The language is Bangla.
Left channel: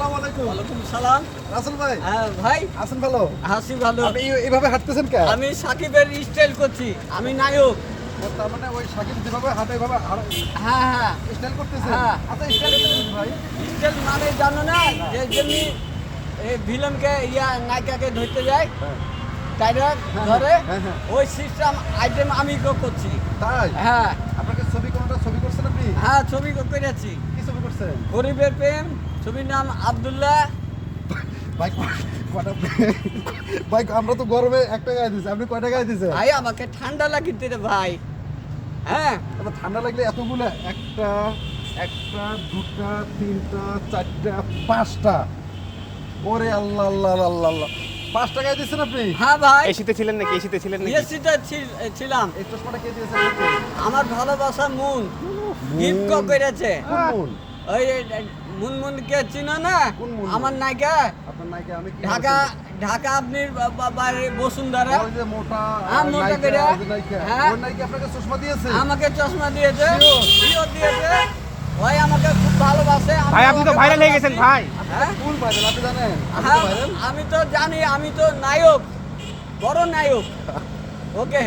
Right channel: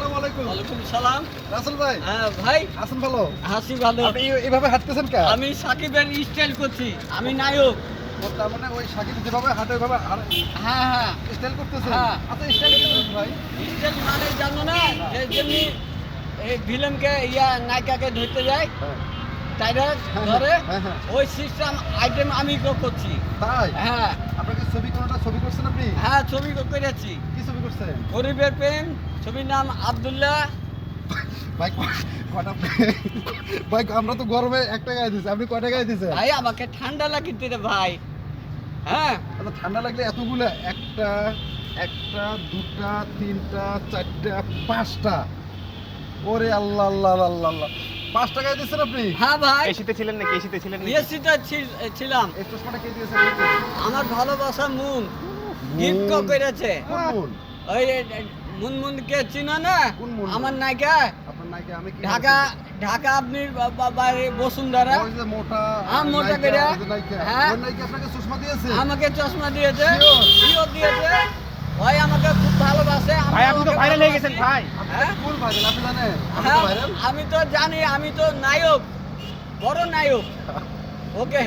আসসালামু আলাইকুম। ওয়ালাইকুম সালাম। রাসেল ভাই, হ্যাঁ ভাই, আছেন ভালো? হাসি ভালো। আপনি এইভাবে হাঁটতেছেন কেন? আমি সাকিবের স্টাইল করছি, আমি নায়ক। তার মানে ওই সাকিব যেভাবে হাঁটে ওইভাবে হ্যাঁ হ্যাঁ, স্টাইল করতেছেন? হ্যাঁ। আচ্ছা, স্টাইল করতেছেন ভাই? স্টাইল মানে জানো না, যে যেমনি এই ভিলেনকে নায়িকাকে ধরতে যায়, তাইরা ধরে, হ্যাঁ, হ্যাঁ। ওই সিস্টেম আইটেম আমি করছি। তাই? হ্যাঁ আপনাকে কোনটা ছবি করছেন আপনি? হ্যাঁ, ছবি করেছি। কি ছবি করছেন? গরিবের প্রেম, ছবির নাম আব্দুল্লাহ। ভাই কটা ভাই, আমরা তো গরমে একটা গায়ে দিচ্ছি, আপনি কয়টা গায়ে দিচ্ছেন? ভাই আমাকে ঠান্ডা লাগিতে রে ভাই। হ্যাঁ, আচ্ছা, ঠান্ডা লাগলে এতগুলো, একটা একটা দুটা তিনটা চারটা পাঁচটা, ওরে আল্লাহ আল্লাহ আল্লাহ আল্লাহ, 5টা গায়ে দিচ্ছেন আপনি? হ্যাঁ ভাই, এসিতে ছিলেন নাকি? এসিতে ছিলেন নাকি? বিএসসিতে ছিলাম। এই চশমাটা কে দিয়েছেন আপনাকে? আমার ভালোবাসা মুন গিফট করেছে। কোন মন? ওই মুনমুনকে চিনো না? কোন মুন? আমার নায়িকা, আপনার নায়িকা আমি কি ঢাকা ঢাকা আপনি বাইরে বসুন্ধরা। ওই যে মোটা হ্যাঁ, মোটা নায়িকা, করে। ওই যে নায়িকা, হ্যাঁ। ওই নায়িকা আপনাকে চশমা দিয়েছে? আমাকে চশমা দিয়েছে, জিও দিয়েছে। ওই আমাকে খুব ভালোবাসে। ভাই আপনি তো ওকে ভাইরাল হয়ে গেছেন ভালোবাসি। ভাই। হ্যাঁ? কোন ভাইরাল আপনি জানেন? আপনি তো হ্যাঁ, ভাইরাল? আমি তো জানি, আমি তো নায়ক, বড় নায়ক। ওকে।